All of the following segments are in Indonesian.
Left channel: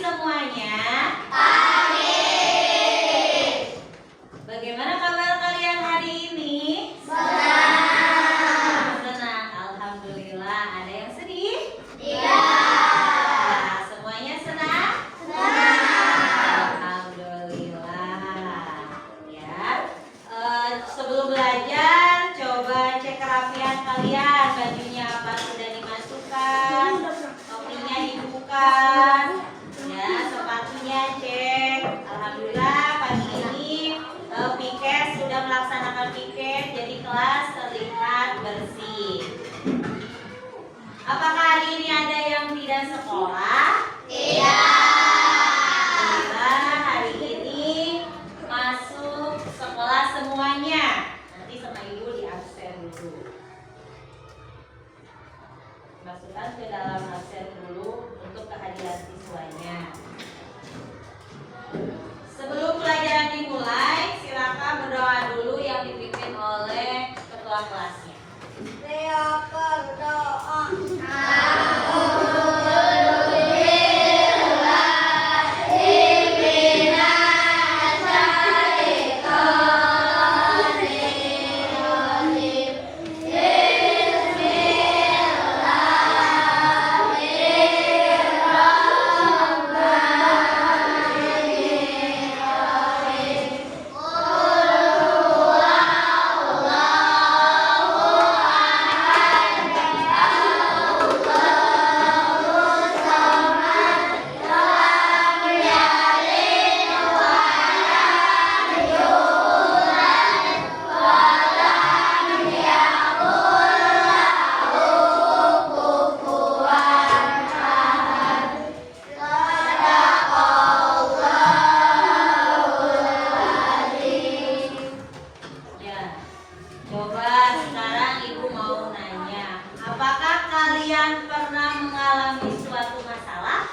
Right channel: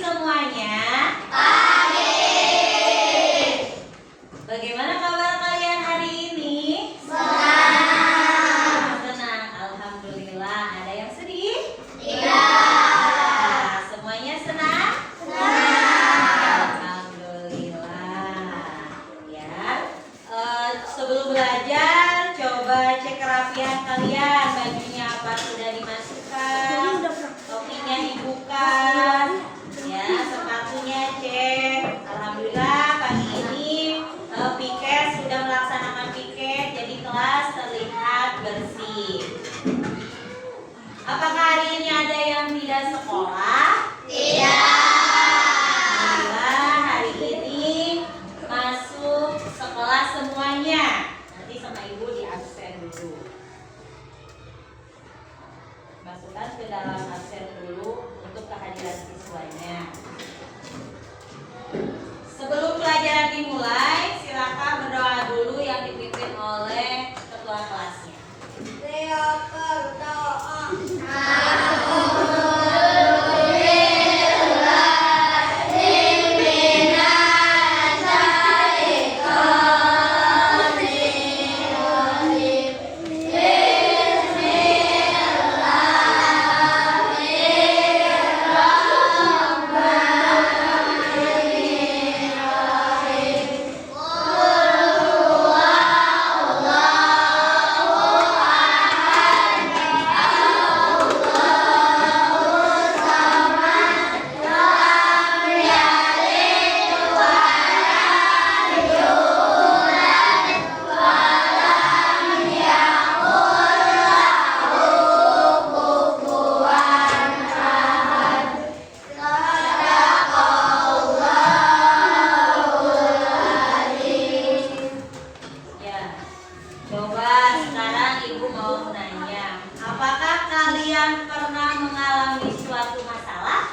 semuanya. Bagaimana kabar kalian hari ini? Senang. Alhamdulillah. Ada yang sedih? Tidak. Semuanya senang? Alhamdulillah. Ya. Sebelum belajar, coba cek kerapian kalian. Bajunya apa sudah dimasukkan? Topinya dibuka. Ya, sepatunya cek. Alhamdulillah pagi ini piket sudah melaksanakan piket, jadi kelas terlihat bersih. Apakah hari ini ada yang tidak sekolah? Alhamdulillah hari ini masuk sekolah semuanya. Nanti sama ibu di absen dulu. Masukkan ke dalam absen dulu untuk kehadiran siswanya. Sebelum pelajaran dimulai, silakan berdoa dulu yang dipimpin oleh ketua kelasnya. Coba sekarang ibu mau nanya, apakah kalian pernah mengalami suatu masalah?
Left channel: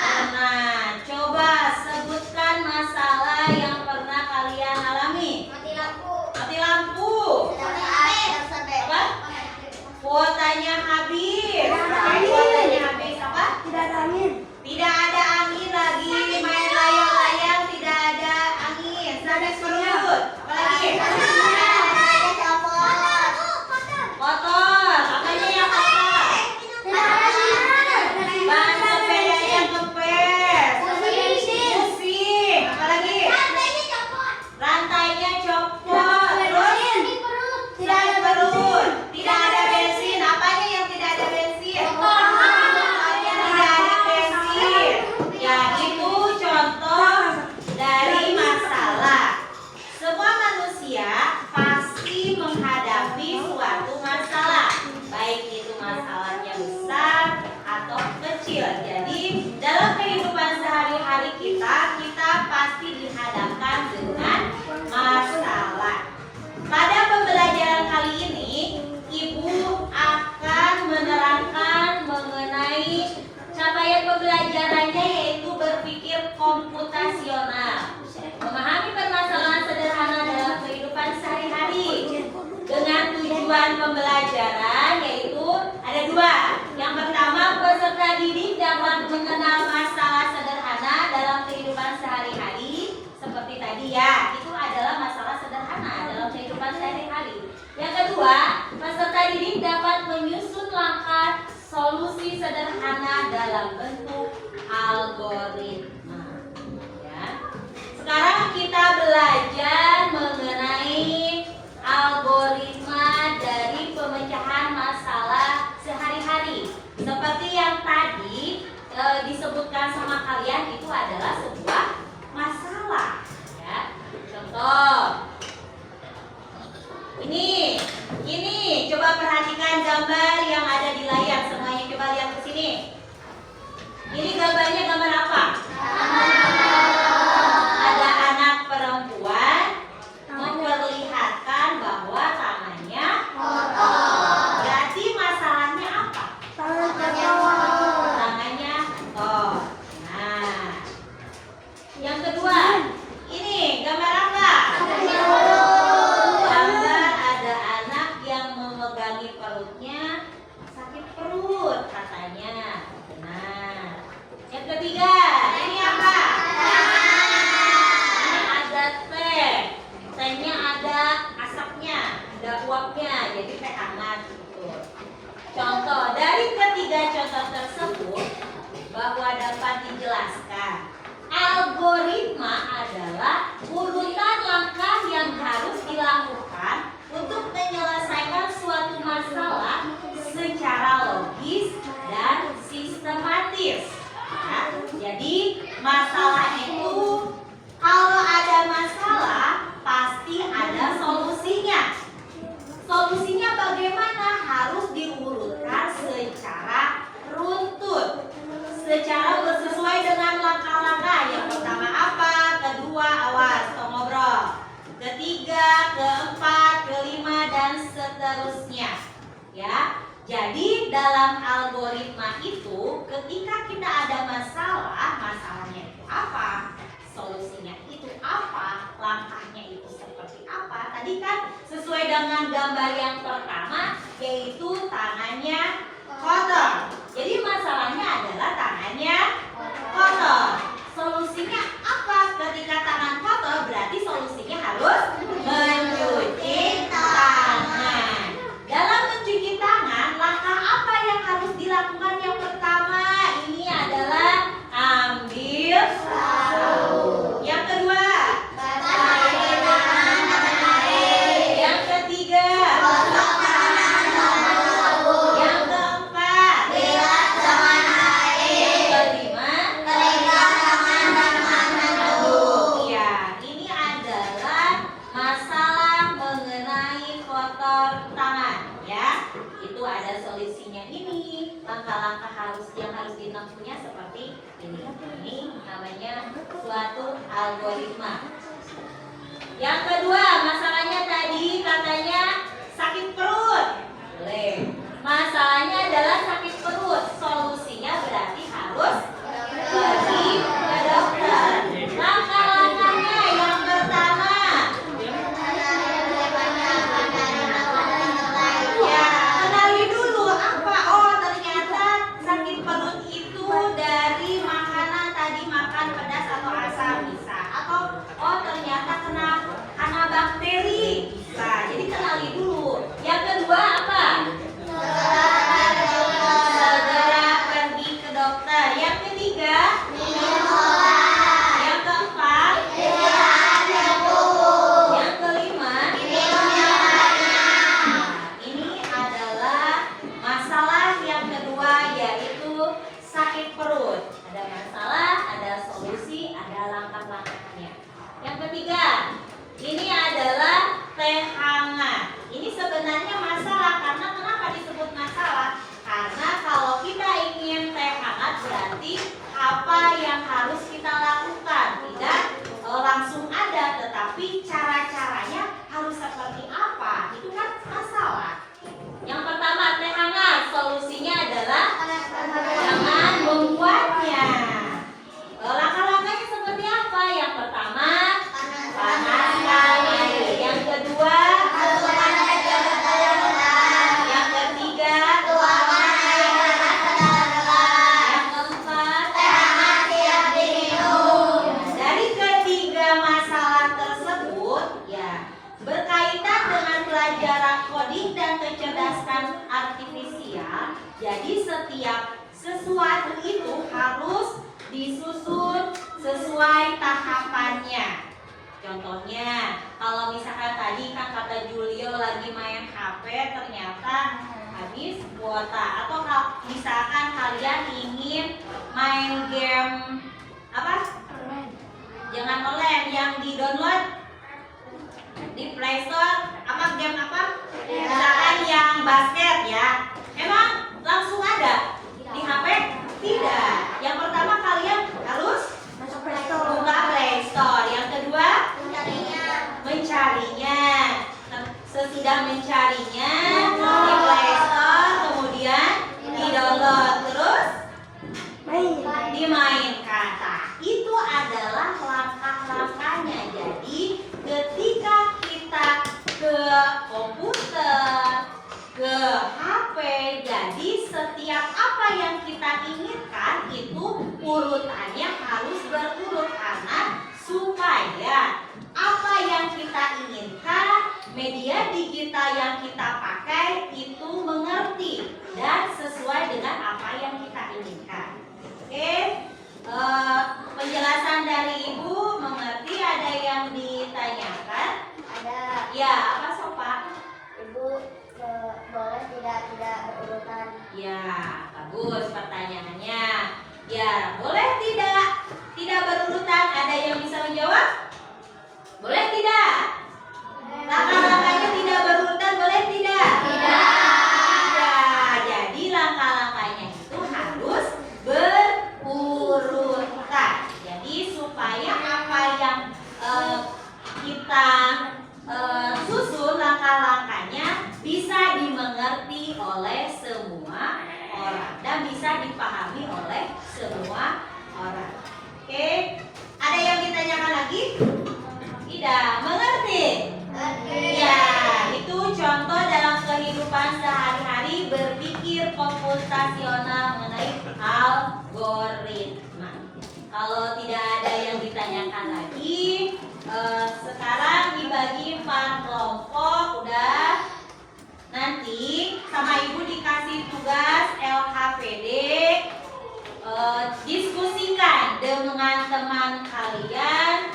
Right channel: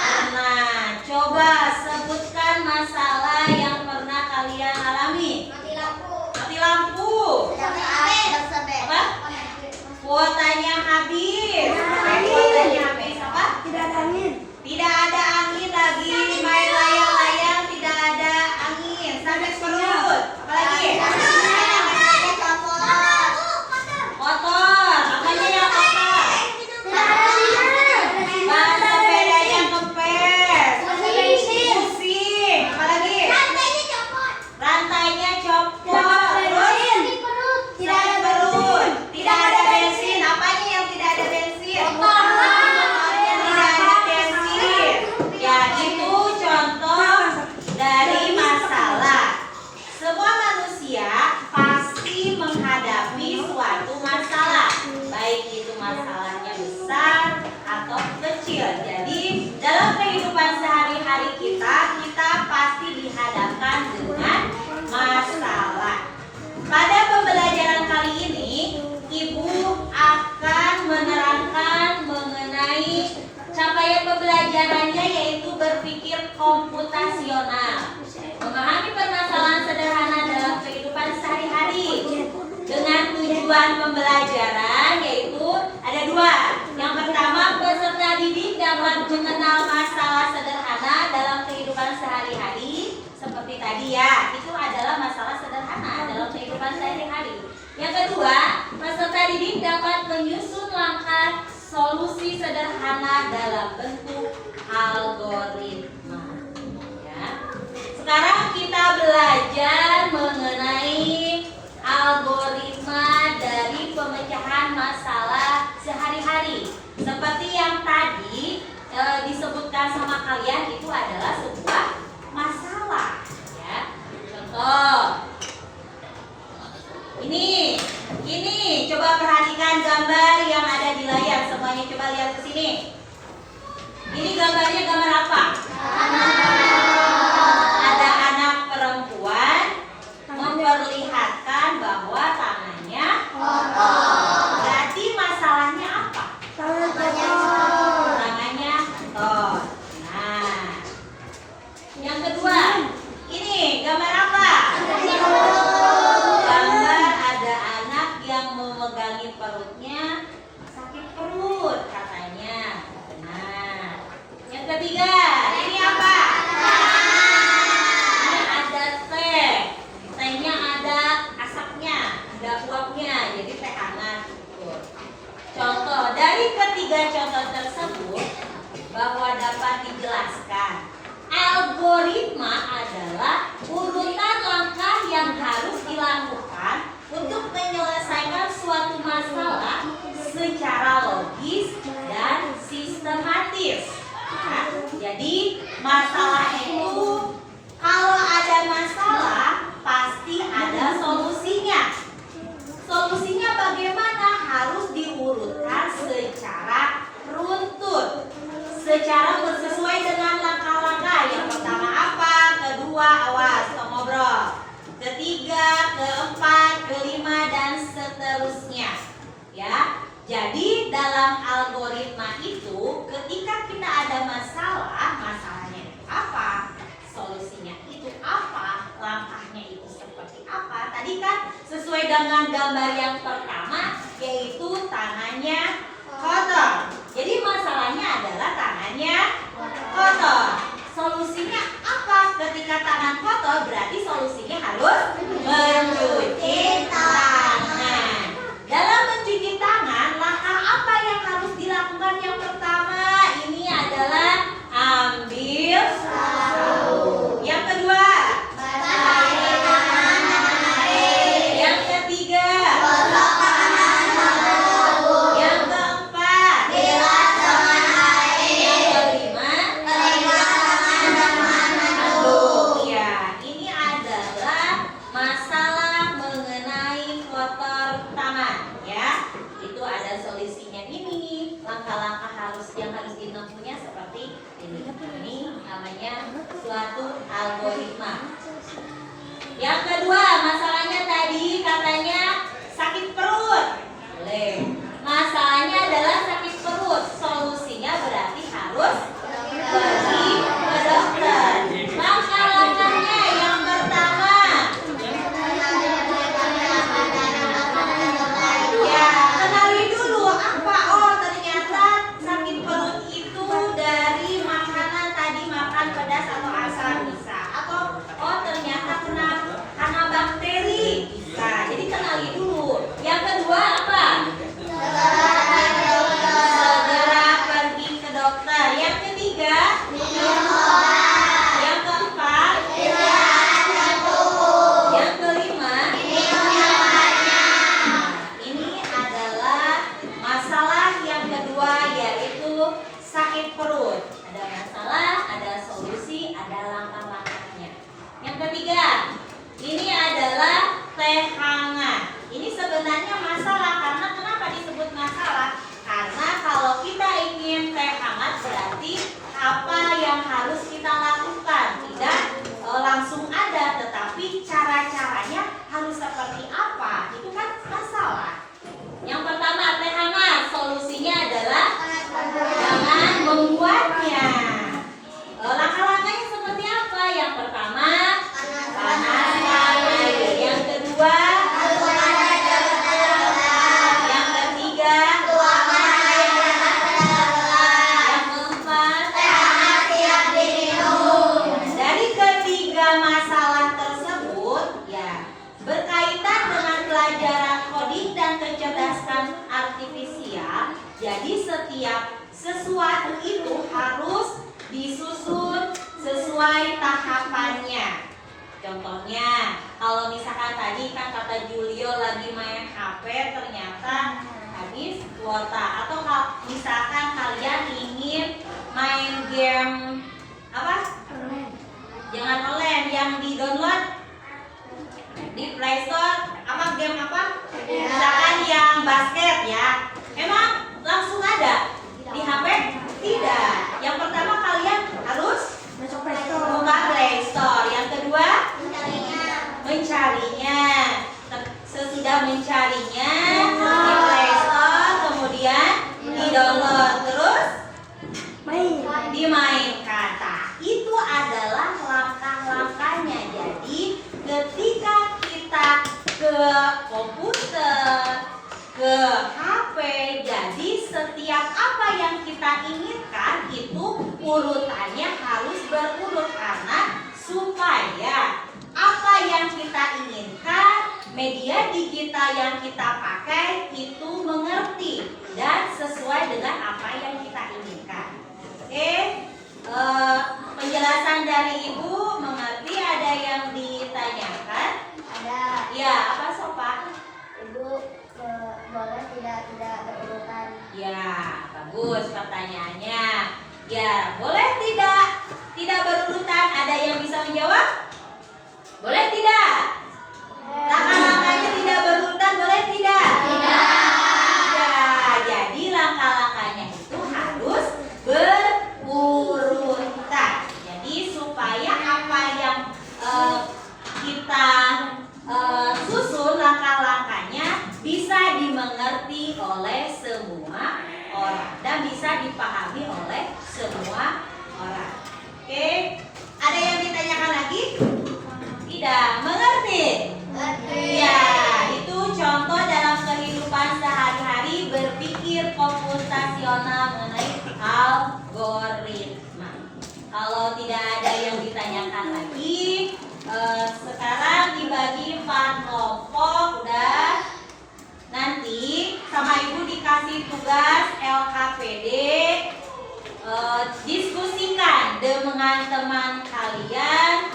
Pernah. Coba sebutkan masalah yang pernah kalian alami. Mati lampu. Apa? Kuotanya habis. Kuotanya habis apa? Tidak ada angin lagi. Main layang-layang tidak ada angin. Sampai perut. Apalagi? Kotor. Apanya yang kotor? Ban sepedanya kempes. Pusing. Apalagi? Rantainya copot. Terus? Tidak ada perut. Tidak ada bensin. Apanya yang tidak ada bensin? Motornya tidak ada bensin. Ya, itu contoh dari masalah. Semua manusia pasti menghadapi suatu masalah, baik itu masalahnya besar atau kecil. Jadi dalam kehidupan sehari-hari kita pasti dihadapkan dengan masalah. Pada pembelajaran kali ini, ibu akan menerangkan mengenai capaian pembelajarannya, yaitu berpikir komputasional, memahami permasalahan sederhana dalam kehidupan sehari-hari. Dengan tujuan pembelajaran yaitu ada dua. Yang pertama, peserta didik dapat mengenal masalah sederhana dalam kehidupan sehari-hari. Seperti tadi ya, itu adalah masalah sederhana dalam kehidupan sehari-hari. Yang kedua, peserta didik dapat menyusun langkah solusi sederhana dalam bentuk algoritma. Sekarang kita belajar mengenai algoritma dari pemecahan masalah sehari-hari. Seperti yang tadi disebutkan sama kalian, itu adalah sebuah masalah. Ya. Contoh, ini coba perhatikan gambar yang ada di layar. Semuanya coba lihat ke sini. Ini gambarnya gambar apa? Ada anak perempuan memperlihatkan bahwa tangannya kotor. Berarti masalahnya apa? Tangannya kotor. Nah, yang kedua, ini gambar apa? Gambar ada anak yang memegangi perutnya, sakit perut katanya. Nah, sangat ukur. Contoh dari ketiga contoh tersebut bahwa dapat dijelaskan, algoritma adalah urutan langkah yang harus dilakukan untuk menyelesaikan suatu masalah secara logis dan sistematis. Nah, jadi masalah itu, kalau ada masalah pasti ada solusinya. Solusinya bagaimana? Harus diurutkan secara runtut, secara sesuai dengan langkah-langkah. Yang pertama apa? Kedua, awas ngobrol. Ketiga, keempat, kelima, dan seterusnya. Ya, jadi dalam algoritma itu, ketika kita ada masalah, masalahnya itu apa? Solusinya itu apa? Langkahnya itu seperti apa? Tadi kan sesuai dengan gambar yang pertama, yaitu tangannya kotor. Jadi masalahnya adalah tangannya kotor. Solusinya apa? Ketika tangan kotor, berarti solusinya harus mencuci tangan. Dalam mencuci tangan, langkah apa yang harus dilakukan? Yang pertama, ini adalah ambil sabun. Yang kedua, yang ketiga, yang keempat, yang kelima, ya, ini adalah masalah mengenai kotor tangan, ya. Itu ada solusinya ini. Langkah-langkah yang harus ditempuhnya seperti ini. Ini namanya suatu algoritma. Yang kedua, masalahnya tadi katanya sakit perut. Boleh. Masalahnya adalah sakit perut. Solusinya berarti harus pergi ke dokter. Langkah-langkahnya yang pertama, ya, kenali dulu apa. Oh, ternyata sakit perut itu dari makanan tadi, makan pedas atau asam bisa. Atau oh, ternyata karena bakteri bisa. Jadi kenali dulu. Yang kedua apa? Segera pergi ke dokter. Yang ketiga, yang keempat, yang kelima, ini adalah masalah yang kedua, yaitu sakit perut. Ada masalah, ada solusi, ada langkah-langkahnya. Yang ketiga, ini adalah teh hangat. Ini sebenarnya masalah. Karena kenapa disebut masalah? Karena kalau kita ingin teh hangat, berarti apa yang harus kita lakukan? Tidak langsung ada, tetapi cara-caranya harus seperti apa? Itu kan masalah. Yang pertama, teh hangat. Solusinya adalah jangan membuatnya. Langkah-langkahnya seperti apa? Yang pertama, panaskan air. Yang kedua, yang ketiga, yang keempat. Dari ketiga masalah tersebut, ya, berkaitan dengan pelajaran coding dan kecerdasan artifisial. Jadi setiap sesuatu itu harus disusun sesuai tahapannya. Contohnya, kalau misalkan tadi kan kata Julio lagi main HP, ternyata habis kuota. Atau misalkan kalian ingin main game apa? Jangan online, yang di download di Play Store. Apa game apa? Misalkan yang basket, ya. Emang langsung ada di HP? Tidak. Yang pertama kalian harus buka Play Store. Yang kedua, mencarinya. Sesudah mencarinya di Play Store, kemudian di-download, terus dimainkan. Nah, itu adalah langkah-langkahnya. Jadi ketika kita ke komputer, ke HP, jadi setiap apa yang kita inginkan itu urutannya harus berurut, karena supaya apa yang kita inginkan media digital yang kita pakai itu mengerti dan sesuai dengan apa yang kita inginkan. Oke, penjelasan dari Ibu mengerti. Ada yang ditanyakan? Ada. Ya, apa Sopa? Ibu boleh tidak berurutan? Ya, bagus pertanyaannya. Ya, boleh tidak berurutan. Ada yang bisa menjawab? Boleh tidak? Langkah-langkahnya tidak berurutan, boleh tidak? Ya, jadi langkah-langkahnya itu harus berurutan. Jadi supaya apa yang kita susun langkah-langkahnya bisa dimengerti oleh semua orang dan bisa dipahami oleh semua orang. Oke, ada yang ditanyakan lagi? Tidak mengerti? Ya, itu contoh dalam kehidupan sehari-hari berpikir komputasional mengenai algoritma. Kalau tidak ada yang ditanyakan lagi, sekarang dibagi 4 kelompok. Udah, nanti sama Ibu dikasih tugas LKPD. Diskusikan dengan teman kalian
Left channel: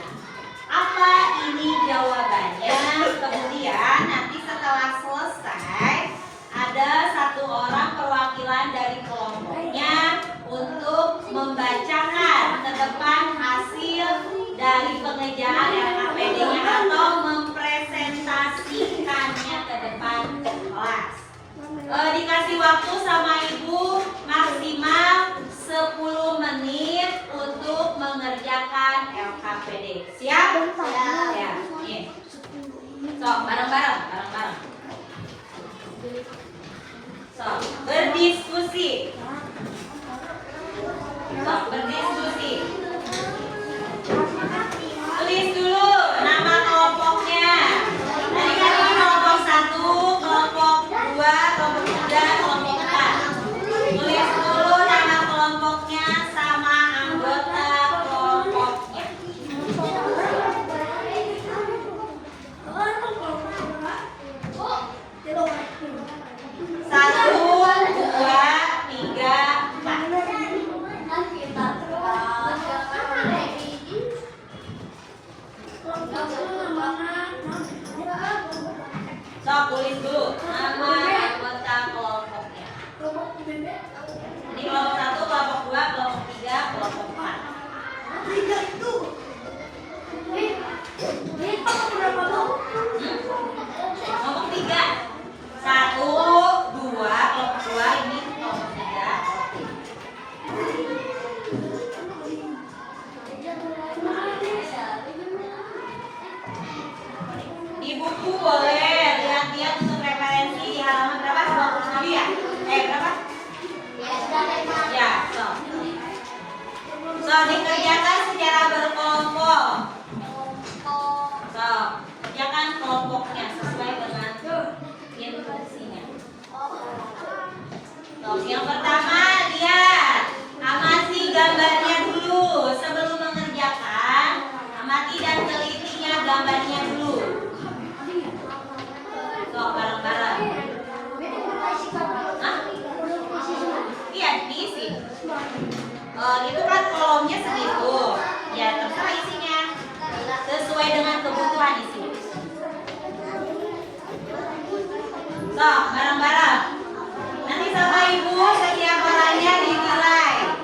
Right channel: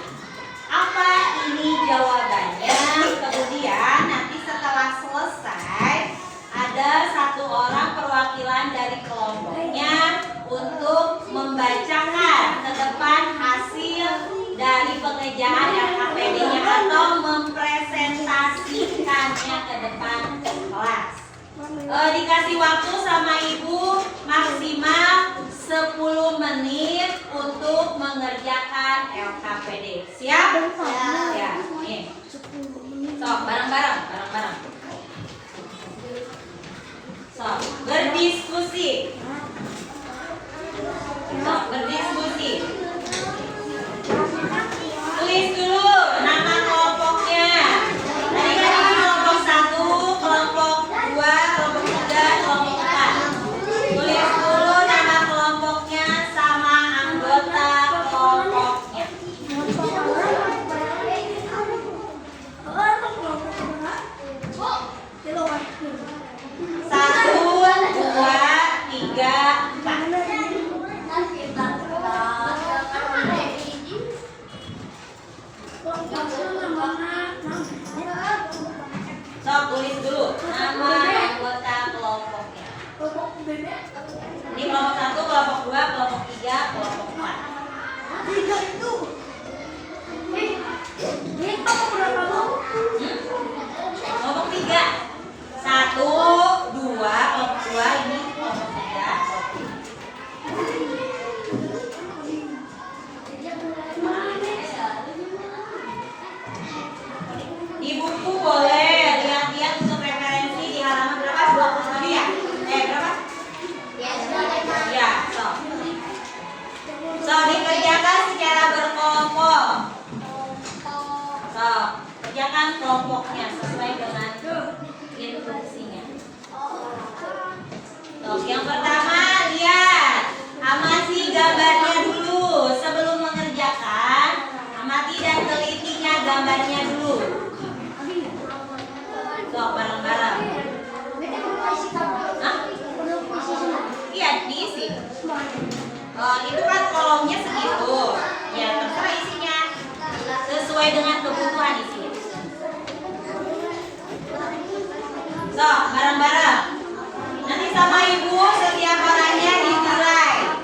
apa ini jawabannya. Kemudian nanti setelah selesai ada 1 orang perwakilan dari kelompoknya untuk membacakan ke depan hasil dari pengerjaan LKPD-nya atau mempresentasikannya ke depan kelas. Dikasih waktu sama Ibu maksimal 10 menit untuk mengerjakan LKPD. Siap? Ya. Nih. So, bareng-bareng. So, berdiskusi. Tulis dulu nama kelompoknya. Tadi kan ini kelompok 1, kelompok 2, kelompok 3, kelompok 4. Tulis dulu nama kelompoknya sama anggota kelompoknya. 1, 2, 3, 4. Sok tulis dulu nama anggota kelompoknya. Ini kelompok 1, kelompok 2, kelompok 3, kelompok 4. Kelompok 3. 1, 2, kelompok 2, ini kelompok 3. Di buku boleh lihat-lihat untuk referensi di halaman berapa? 27 ya? Berapa? Ya, so dikerjakan secara berkelompok. So, kerjakan kelompoknya sesuai dengan instruksinya. So, yang pertama lihat, amati gambarnya dulu sebelum mengerjakan. Amati dan telitinya gambarnya dulu. So, bareng-bareng. Iya, diisi. Itu kan kolomnya segitu. Ya, terserah isinya. Sesuai dengan kebutuhan isi. So, bareng-bareng. Nanti sama Ibu setiap orangnya dinilai.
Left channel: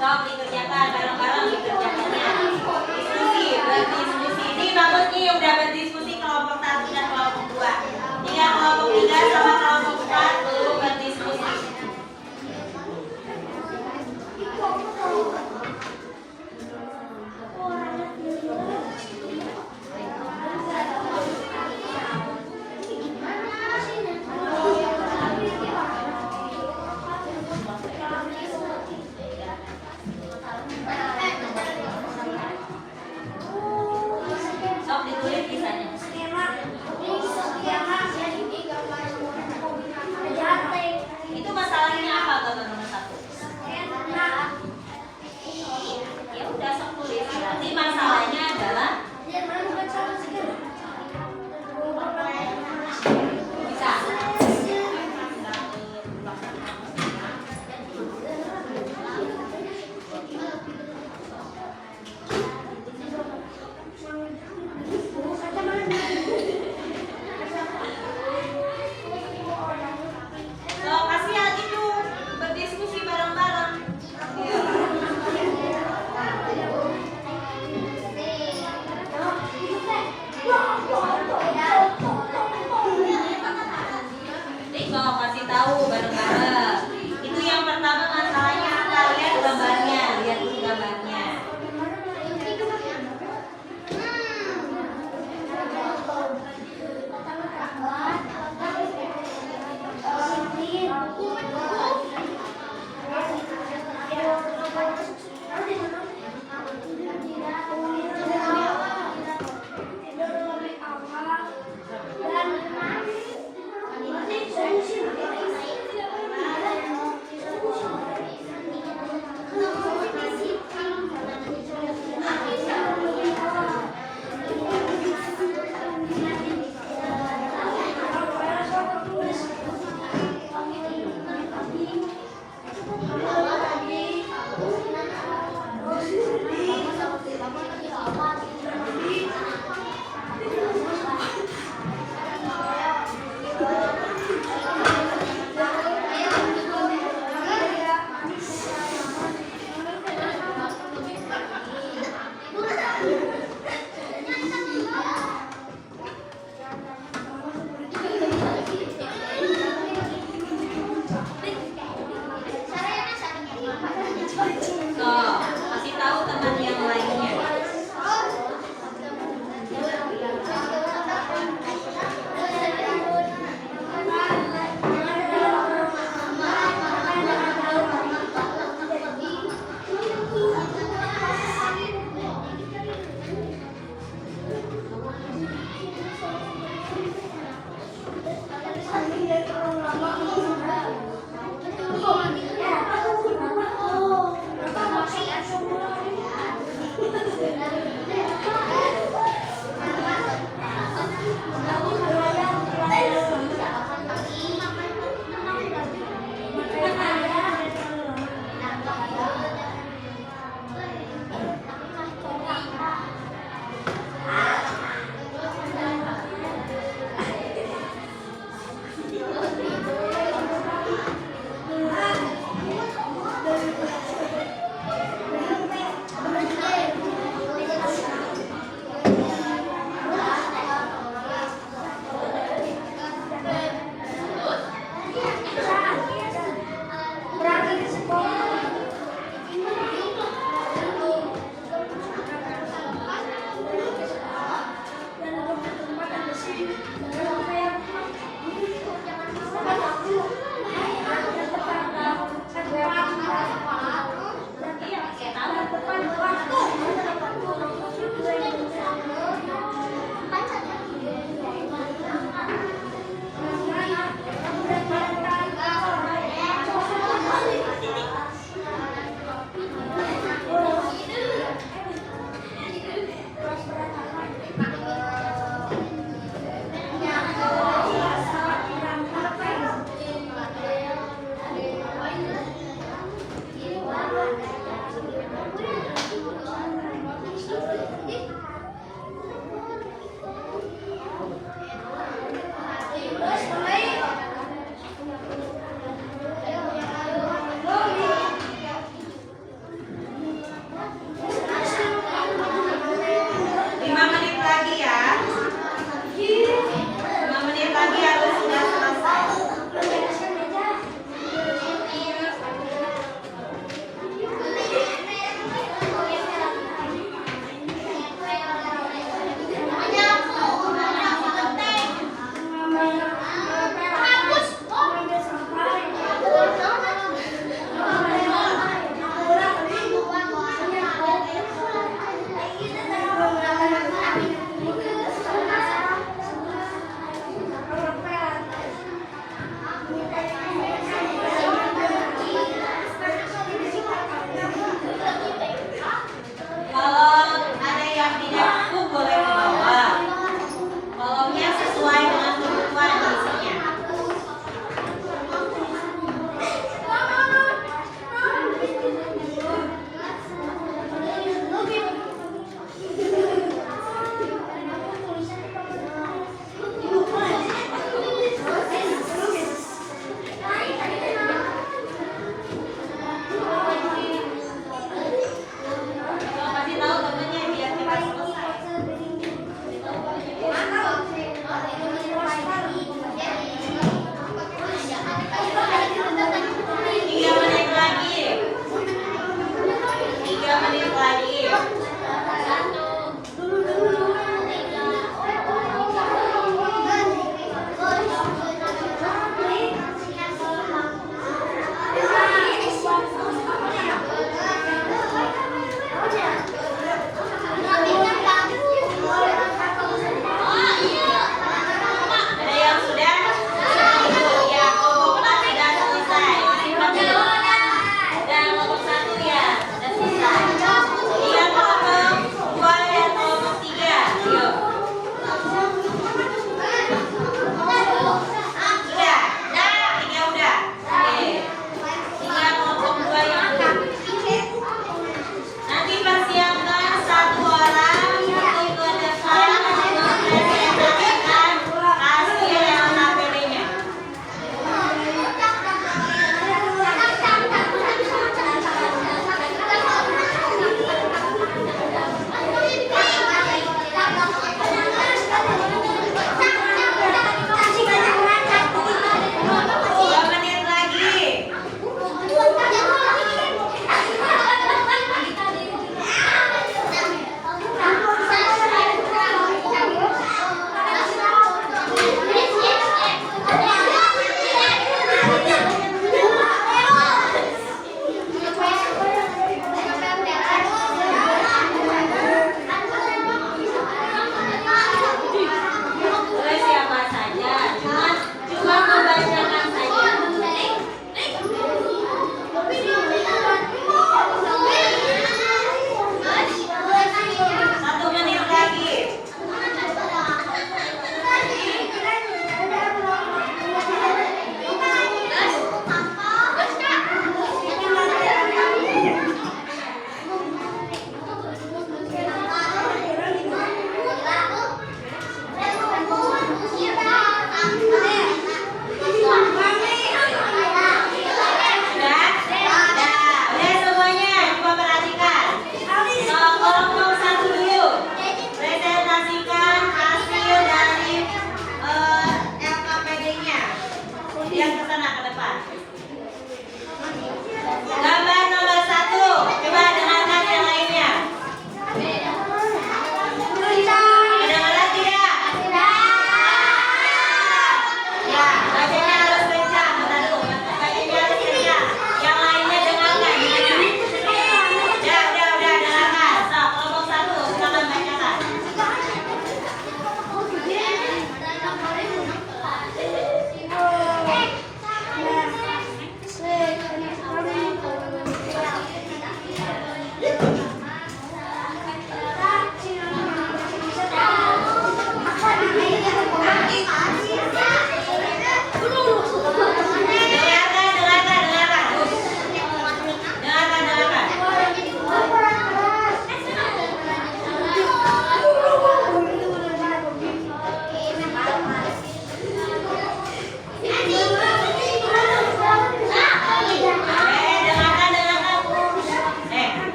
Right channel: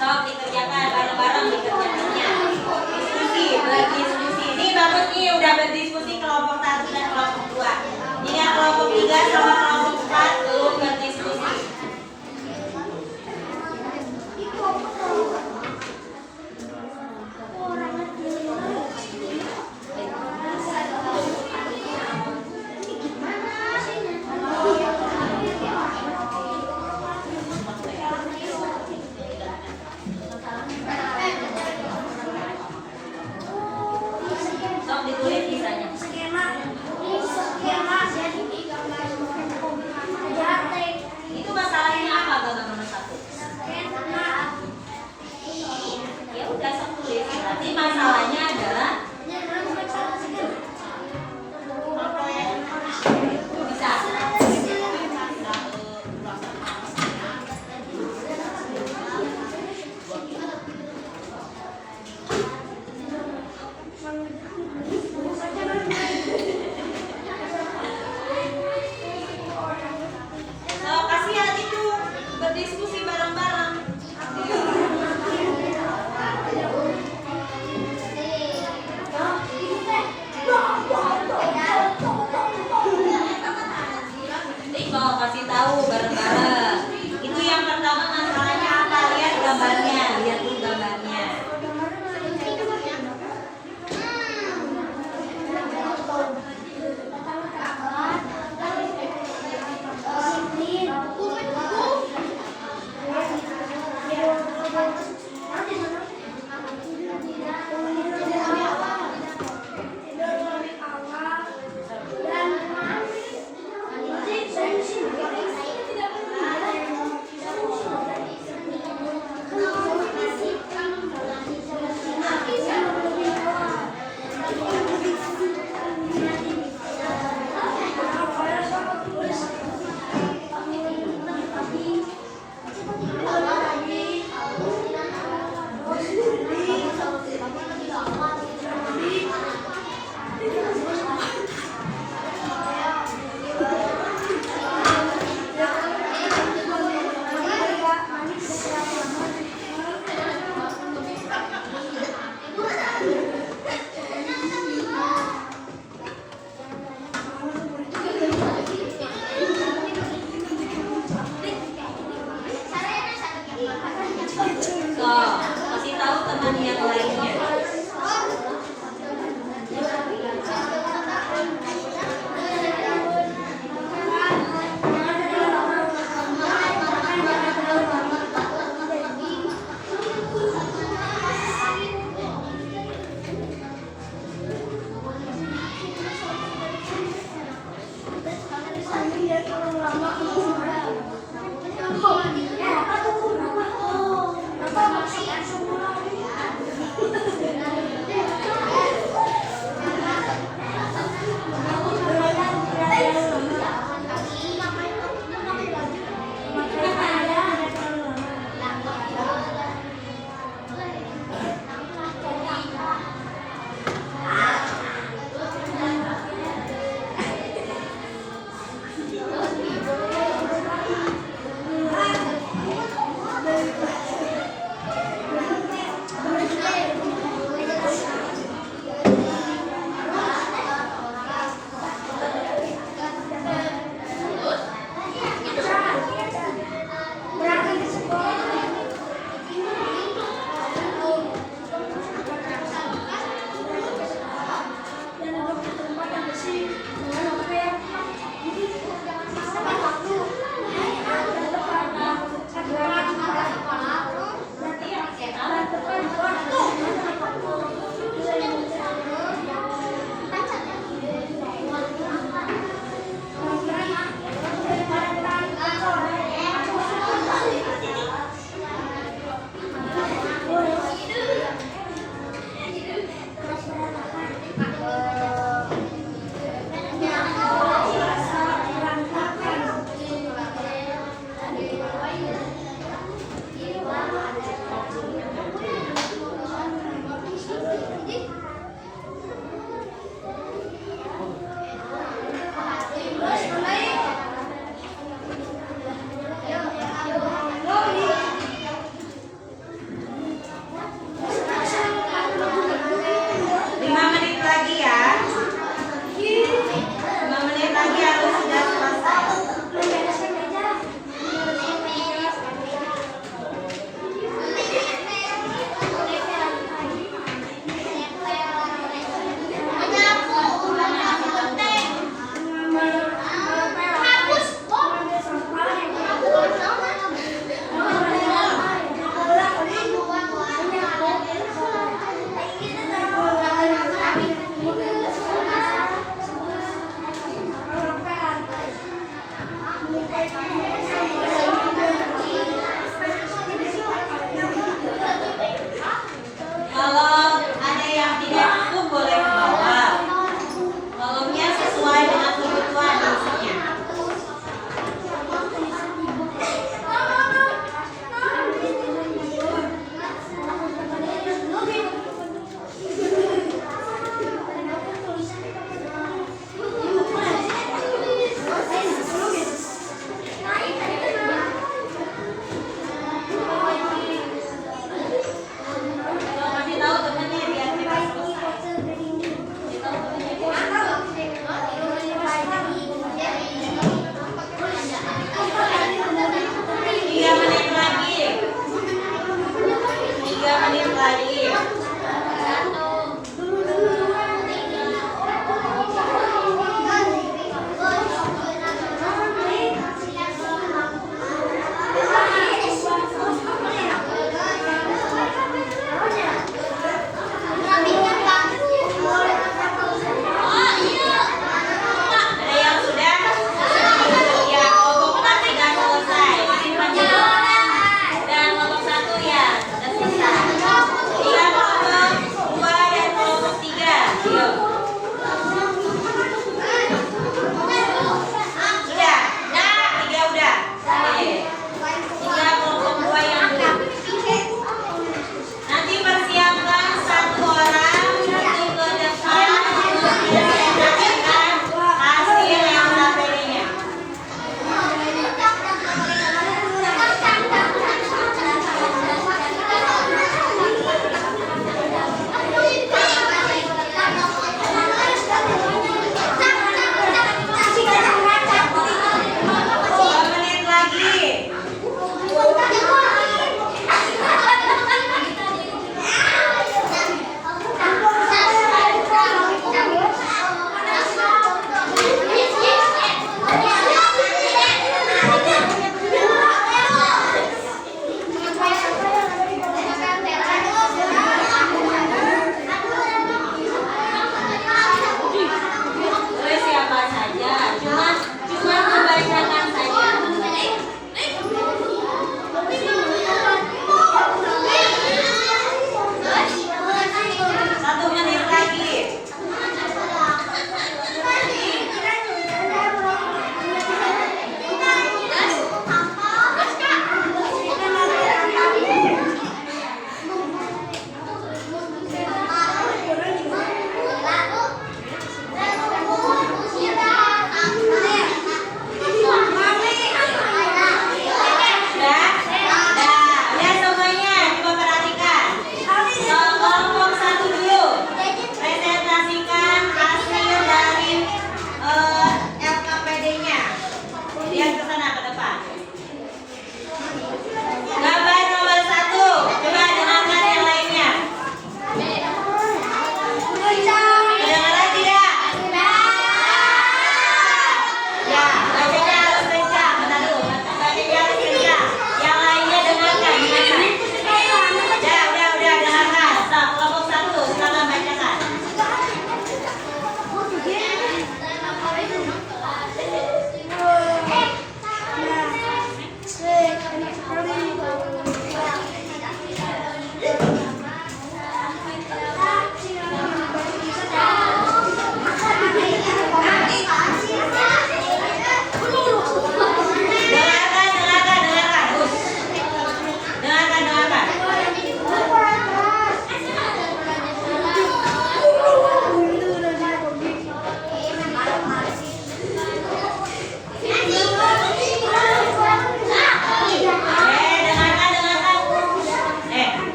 Sok dikerjakan bareng-bareng dikerjakannya. Berdiskusi. Ini bagus nih udah berdiskusi kelompok 1 dan kelompok 2. Ini kelompok 3 sama kelompok 4 belum berdiskusi.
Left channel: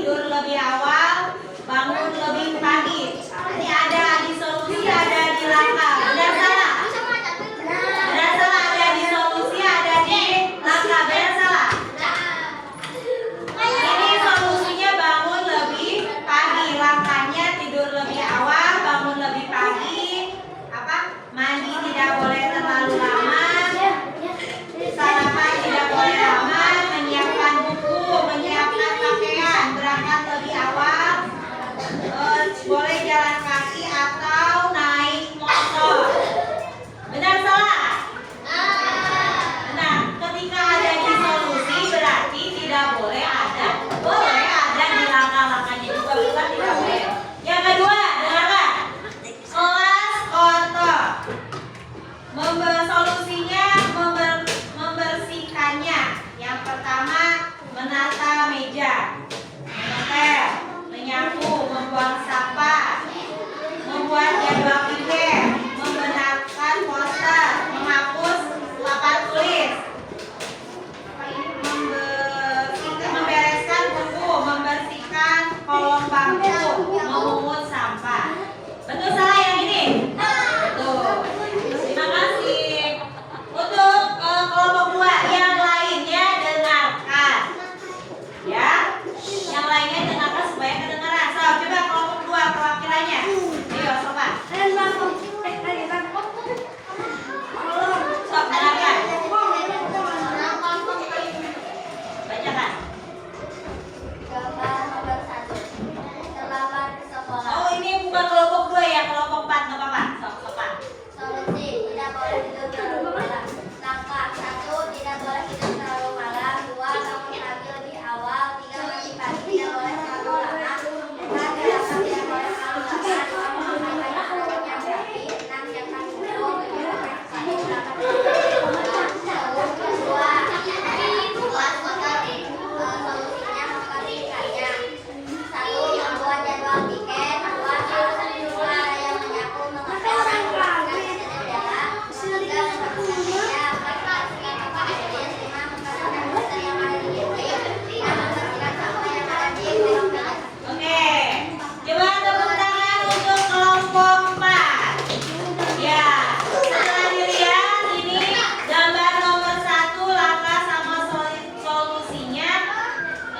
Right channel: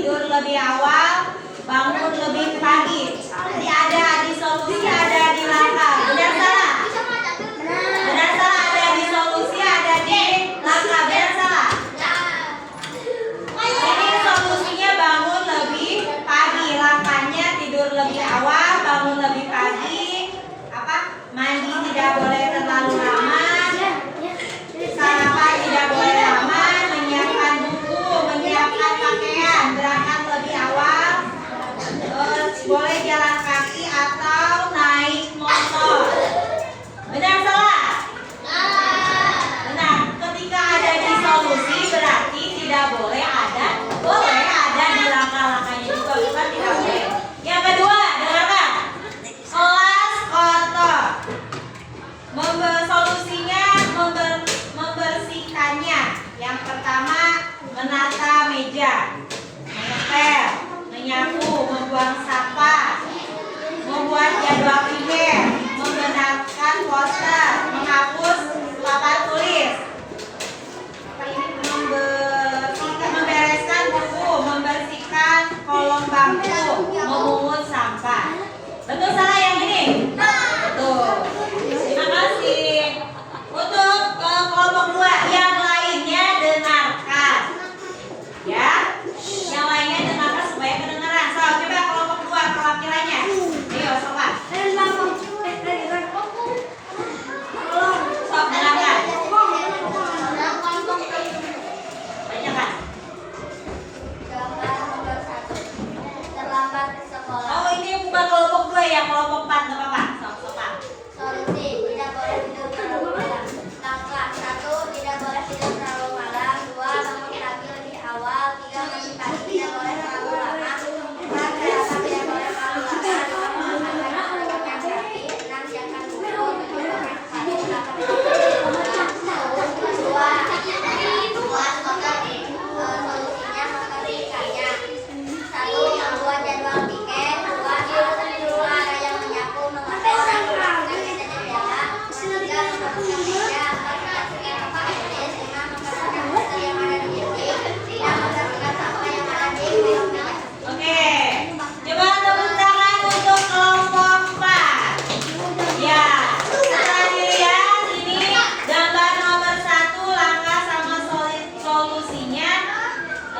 tidur lebih awal, bangun lebih pagi. Ini ada di solusi, ada di langkah. Benar salah? Benar salah, ada di solusi, ada di langkah. Benar salah? Ini solusinya bangun lebih pagi, langkahnya tidur lebih awal, bangun lebih pagi. Apa? Mandi tidak boleh terlalu lama. Sarapan tidak boleh lama, menyiapkan buku, menyiapkan pakaian, berangkat lebih awal, boleh jalan kaki atau naik motor. Benar salah? Benar. Ketika ada di solusi berarti tidak boleh ada, boleh ada di langkah-langkahnya juga, bukan tidak boleh. Yang kedua, dengarkan. Kelas kotor. Solusinya membersihkannya. Yang pertama, menata meja, mengepel, menyapu, membuang sampah, membuat jadwal primer, membenarkan poster, menghapus papan tulis, membereskan buku, membersihkan kolong bangku, memungut sampah. Betul salah yang ini? Betul. Terima kasih. Untuk kelompok 2 yang lainnya dengarkan. Ya. Yang lainnya dengarkan supaya kedengaran. So, coba kelompok 2 perwakilannya. Ayo, sobat. Sob, dengarkan. Bacakan. Gambar nomor 1. Terlambat ke sekolah. Oh, ini bukan kelompok 2 ya, kelompok 4 enggak apa-apa. Sobat. Solusi, tidak boleh tidur terlalu malam. Langkah 1, tidak boleh tidur terlalu malam. 2, bangun pagi lebih awal. 3, mandi pagi tidak boleh terlalu lama. 4, sarapan tidak boleh terlalu lama. 5, makan sebelum jam kaki. 6, jangan minum. 7, pagi 8, kedua, kelas kotor. Solusinya membersihkannya. 1, membuat jadwal piket. 2, ada yang menyapu, mengepel, dan melakukan jendela. 3, membersihkan meja. 4, membersihkan tempat tulis. 5, membersihkan poster yang ada di dinding. 6, membersihkan sampah yang ada di kolong meja. Oke. Coba tepuk tangan untuk kelompok 4. Ya. Setelah dilihat ini gambar nomor 1 langkah sama solusinya.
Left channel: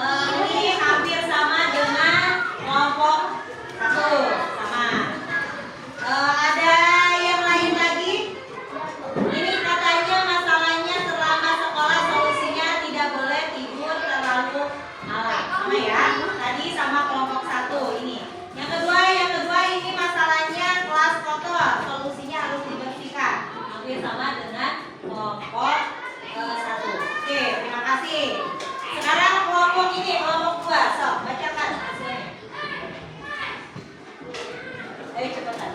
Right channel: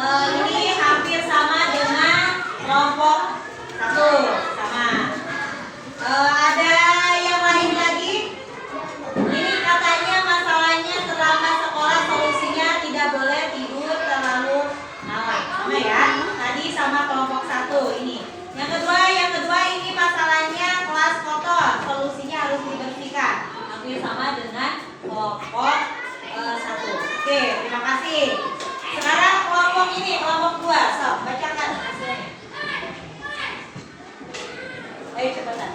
Ini hampir sama dengan kelompok 1. Sama. Ada yang lain lagi? Ini katanya masalahnya terlambat sekolah, solusinya tidak boleh tidur terlalu malam. Sama ya. Tadi sama kelompok 1 ini. Yang kedua ini masalahnya kelas kotor, solusinya harus dibersihkan. Hampir sama dengan kelompok 1. Oke, terima kasih. Sekarang kelompok ini, kelompok 2. So, bacakan hasilnya. Ayo cepetan.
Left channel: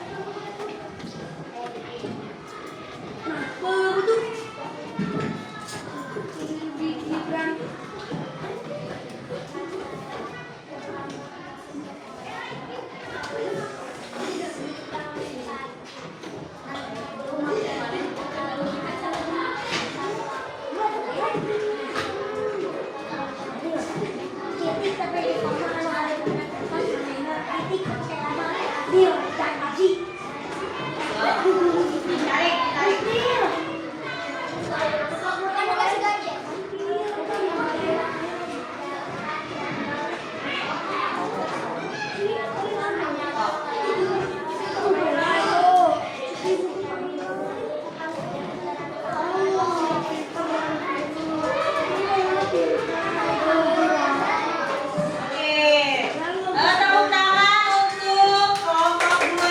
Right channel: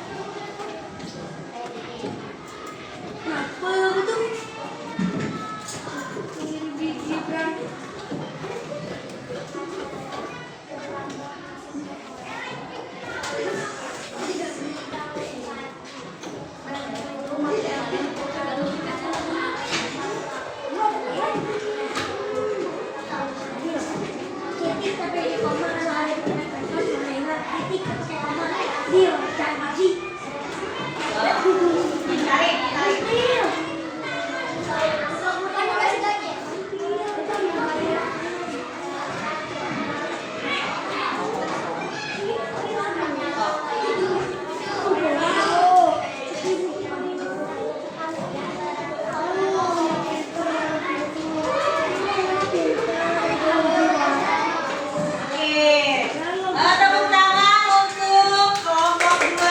Tepuk tangan untuk kelompok 2.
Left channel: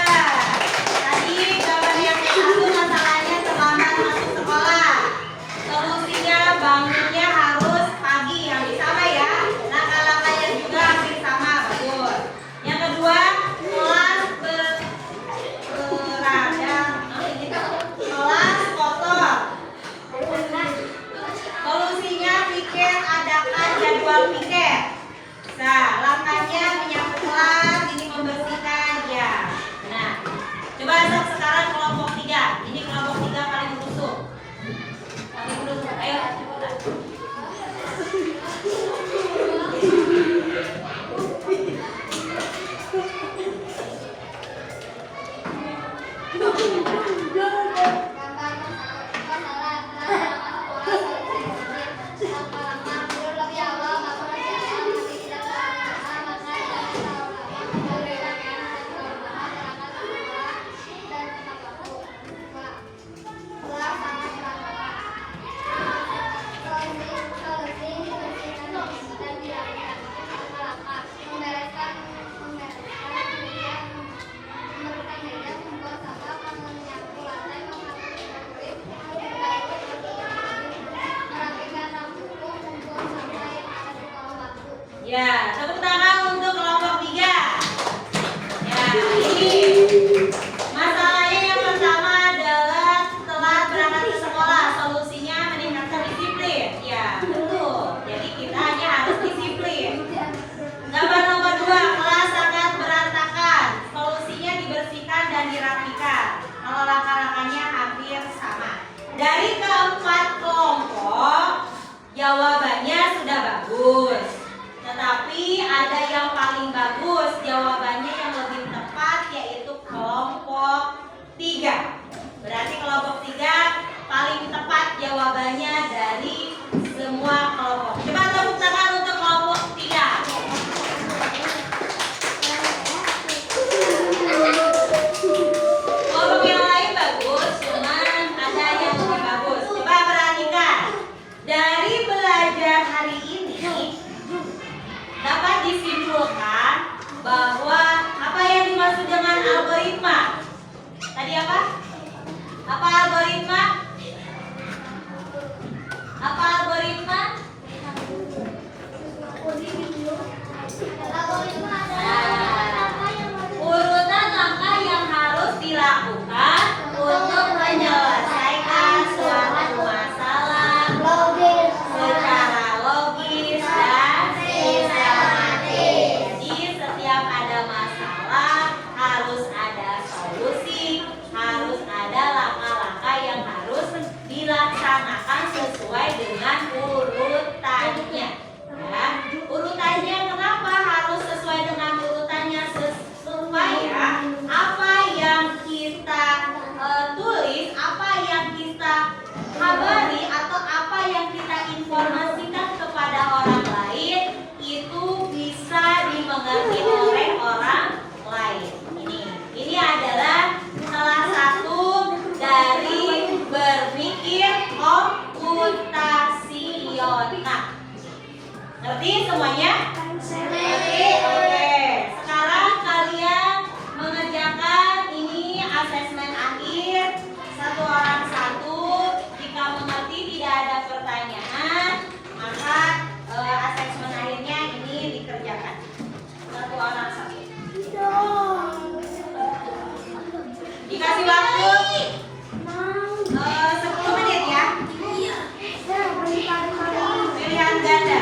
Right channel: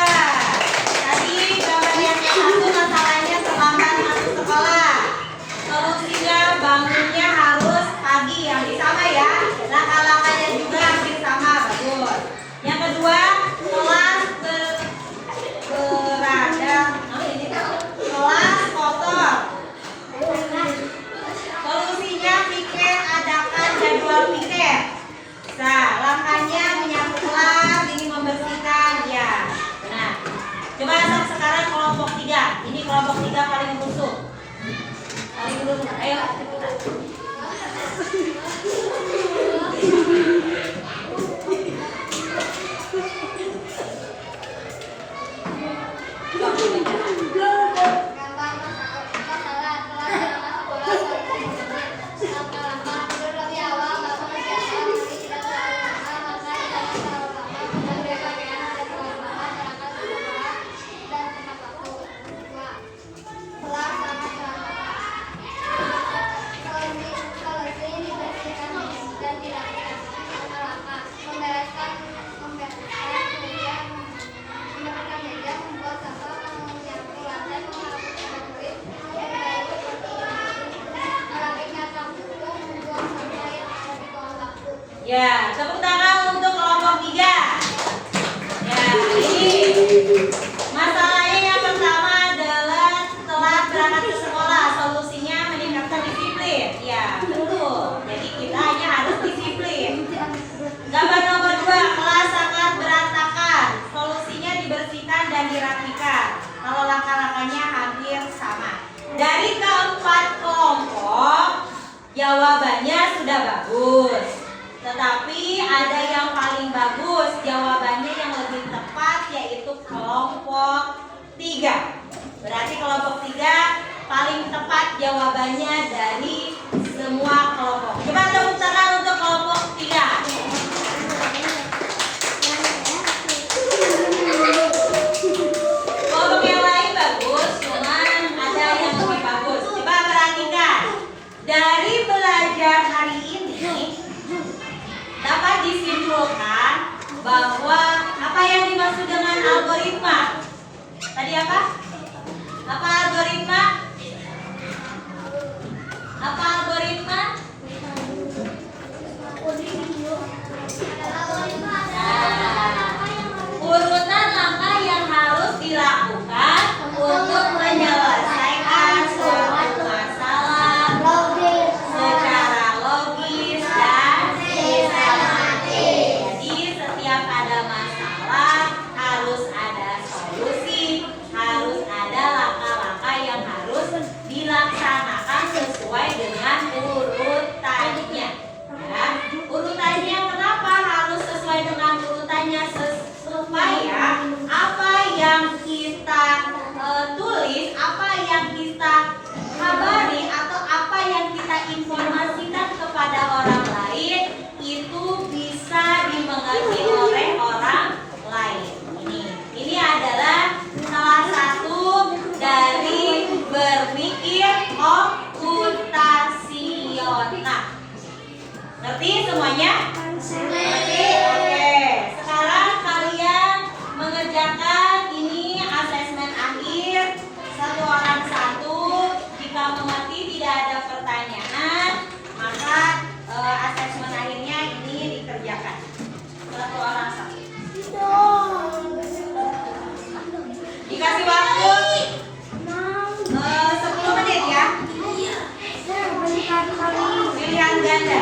Tadi gambar yang 1 masalahnya terlambat masuk sekolah. Solusinya bangunnya harus pagi, hampir sama ya. Langkah-langkahnya juga hampir sama, betul. Yang kedua, kelas kelas kotor. Solusinya pikir adakan jadwal piket. Nah, langkahnya menyapu kelas, ini membersihkan ya. Benar. Coba sekarang kelompok 3. Ini kelompok 3 paling busuk. Paling busuk. Ayo cepetan. Ya, tepuk tangan untuk kelompok 3. Ya, ini masalahnya yang pertama adalah telat berangkat ke sekolah. Solusinya meningkatkan disiplin. Ya, betul. Jadi kita hanya harus disiplin. Gambar nomor 2, kelas sangat berantakan. Solusinya dibersihkan dan dirapikan. Kalau langkah-langkahnya hampir sama. Dari keempat kelompok, jawabannya sudah bagus. Tetapi ada yang paling bagus. Jawabannya yang lebih tepat yaitu kelompok 3. Berarti kelompok 3 paling tepat jawabannya dari semua kelompok. Coba tepuk tangan untuk kelompok 3. Kelompok yang lain bagus, cuman ada yang lebih bagus. Coba perhatikan. Dari belajar hari ini dapat disimpulkan bahwa apa yang dimaksud dengan algoritma? Tadi apa? Apa algoritma? Apa algoritma? Urutan langkah yang harus dilakukan untuk menyelesaikan suatu masalah secara logis dan sistematis. Jadi setiap ada masalah harus ada solusi, harus ada langkah-langkah yang harus dilaksanakan sesuai dengan urutannya. Ya, urutannya kenapa harus sesuai dengan urutannya? Supaya apa yang kita tulis, apa yang kita kabari atau apa yang kita informasikan kepada orang lain itu bisa dimengerti oleh orang lain. Ini adalah salah satu dari berpikir komputasional. Ngerti semuanya? Ngerti? Oke. Sekarang kalian mengerjakan ini asesmen akhir satu orang satu. Jika mengerti tidak ada pertanyaan, maka asesmen akhirnya ini dikerjakan satu orang satu. Dikasih waktu 10 menit ya. Pilihan ganda.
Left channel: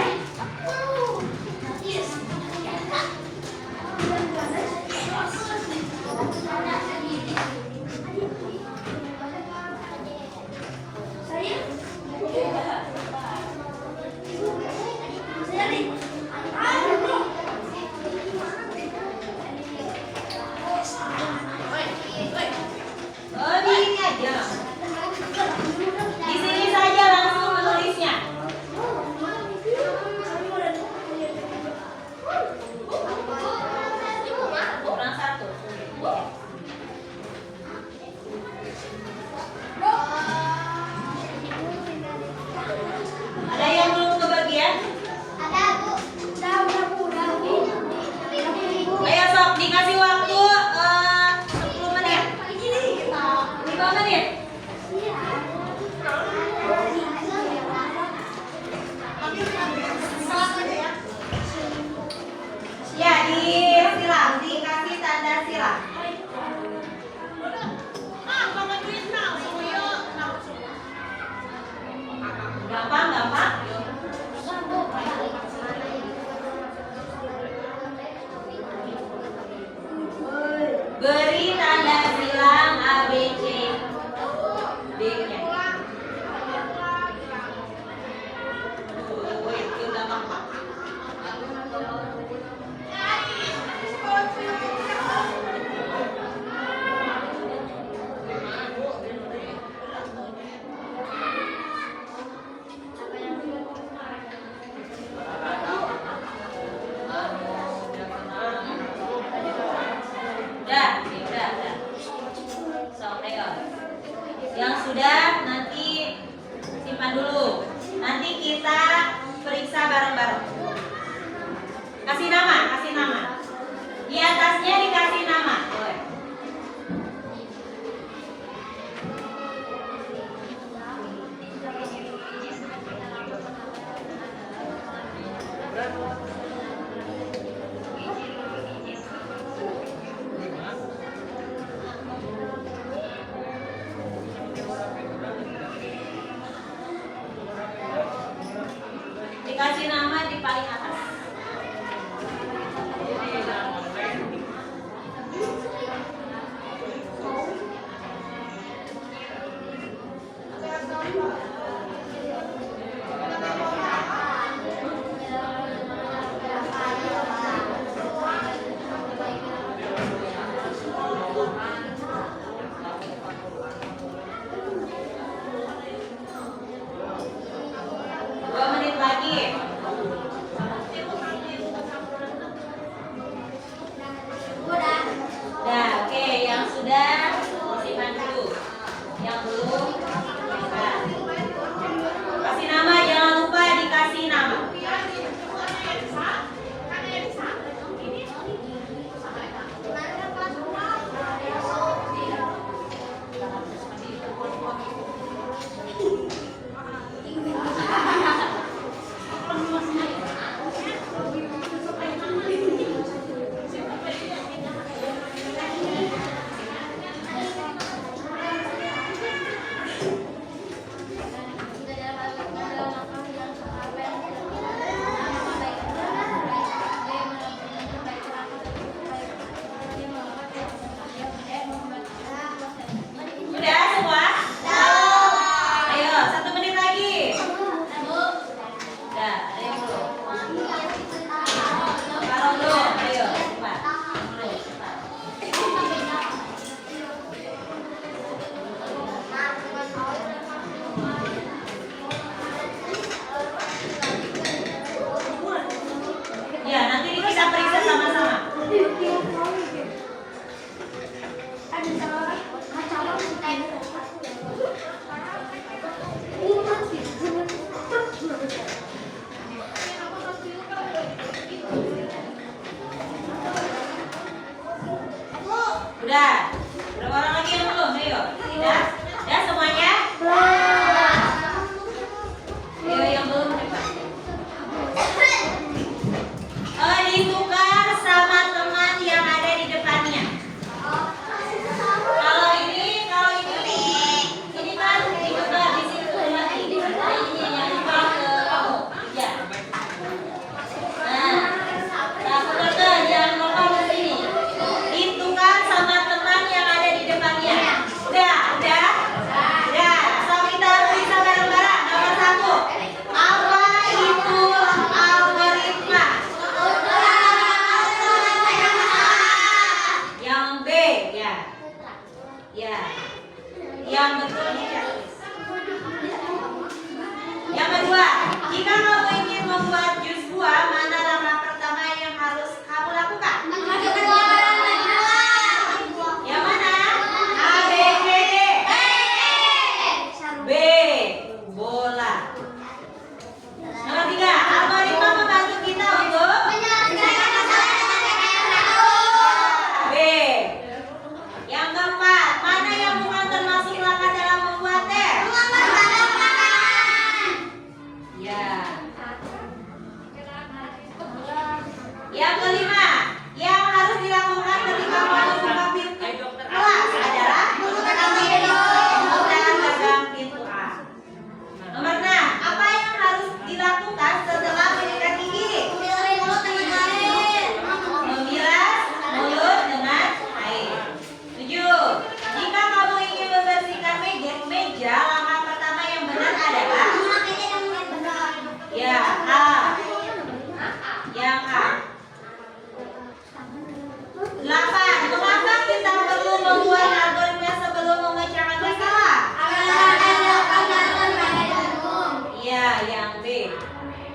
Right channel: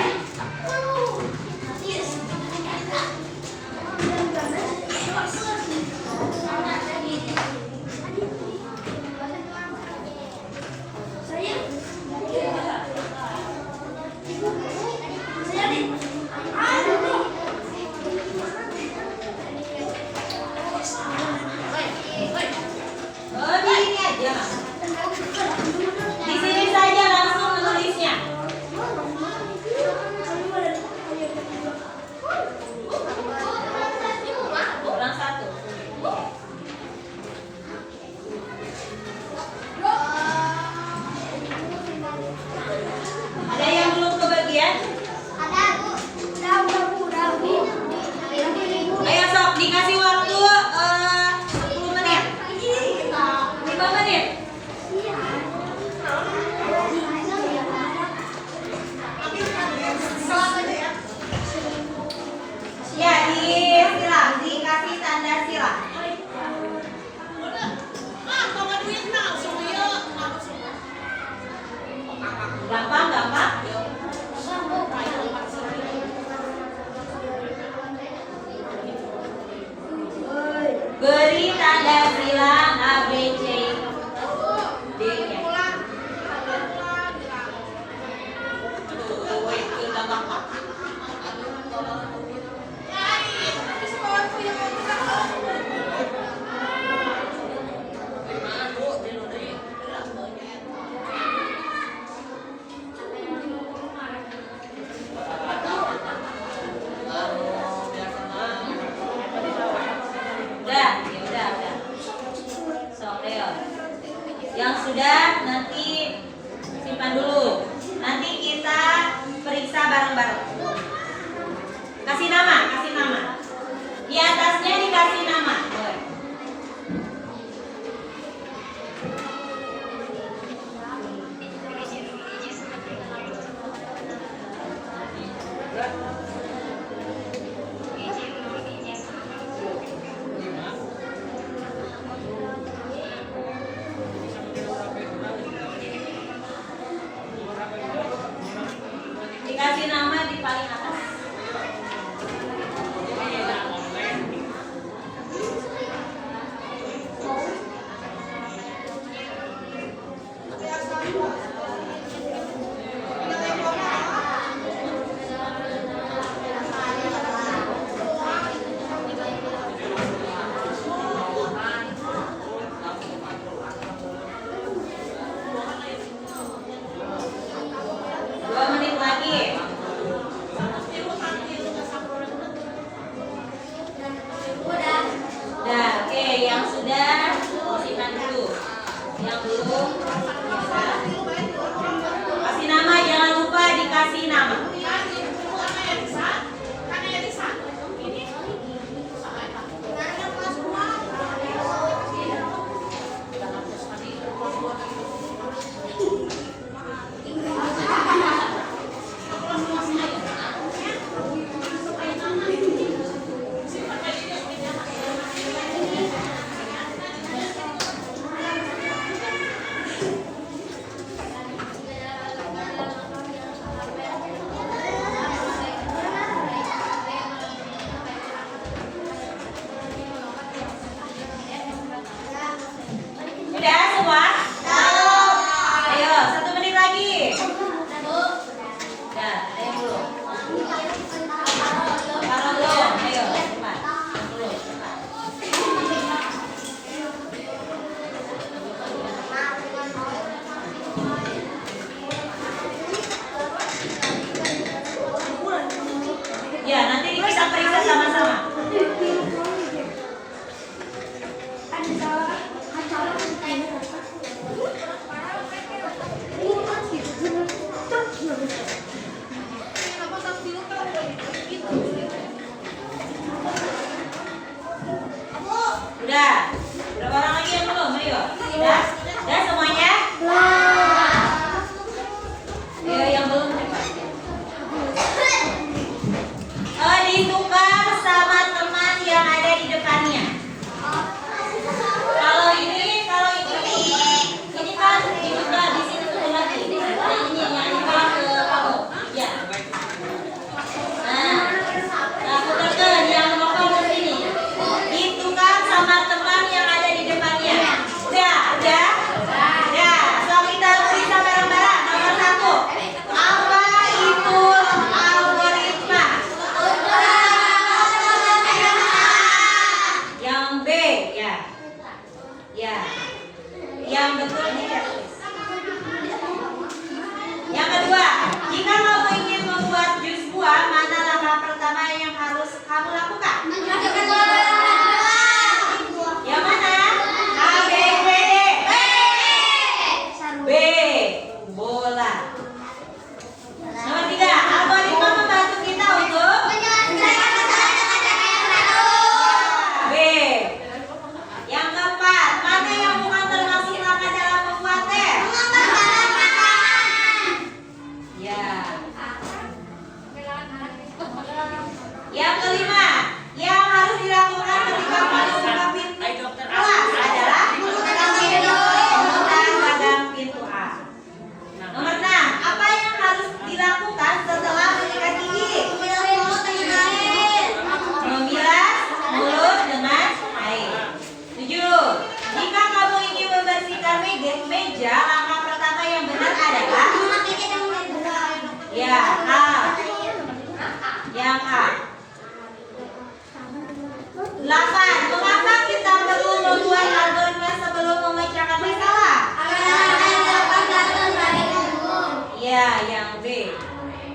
nanti kita periksa sama-sama. Udah. Berapa orang lagi yang belum? Ayo. Udah? Udah semuanya? Ayo yang belum cepat. Ditukar sama teman yang ada di depannya. Kalau ini kan ditukar di sini tuh lagi. Nah, ini yang ditukar ke kamu. Ya. Nah, pekerja yang ngomong ke sini. Ditukar sama teman yang ada di depannya. Udah. So kita periksa bareng-bareng. Nomor 1. Apa itu algoritma? Yang B, ya. Yang betul ini checklist. Yang kedua, jika kamu ingin membuat jus buah, mana langkah pertama yang harus kamu lakukan? Yang mana? A, B, C, D. B. Bola. Nomor 3, algoritma membantu kita untuk B. Yang keempat, mana yang bukan termasuk langkah dalam membuat teh? Ya. Yang kelima, yang harus dilakukan ketika masuk ke pintu kelas adalah gagang pintu A. Nomor 6, apa yang harus dilakukan setelah menyikat gigi? Memilas mulut dengan air. 7. Jika kamu ingin membersihkan meja, langkah pertama yang benar adalah ya A. Yang A. 8. Mengapa kita perlu membuat algoritma sebelum memecahkan masalah? Ya, yang B.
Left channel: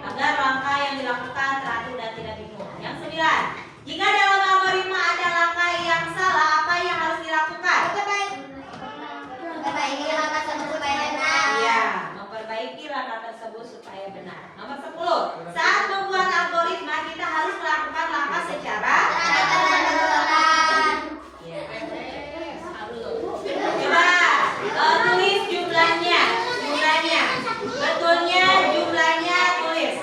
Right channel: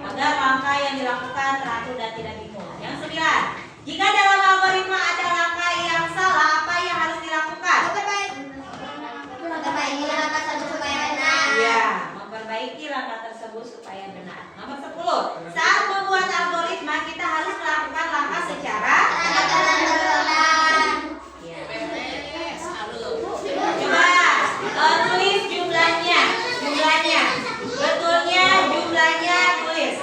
Agar langkah yang dilakukan teratur dan tidak bingung. Yang 9. Jika dalam algoritma ada langkah yang salah, apa yang harus dilakukan? Ya, memperbaiki langkah tersebut supaya benar. Nomor 10. Saat membuat algoritma, kita harus melakukan langkah secara coba tulis jumlahnya. Betulnya jumlahnya tulis.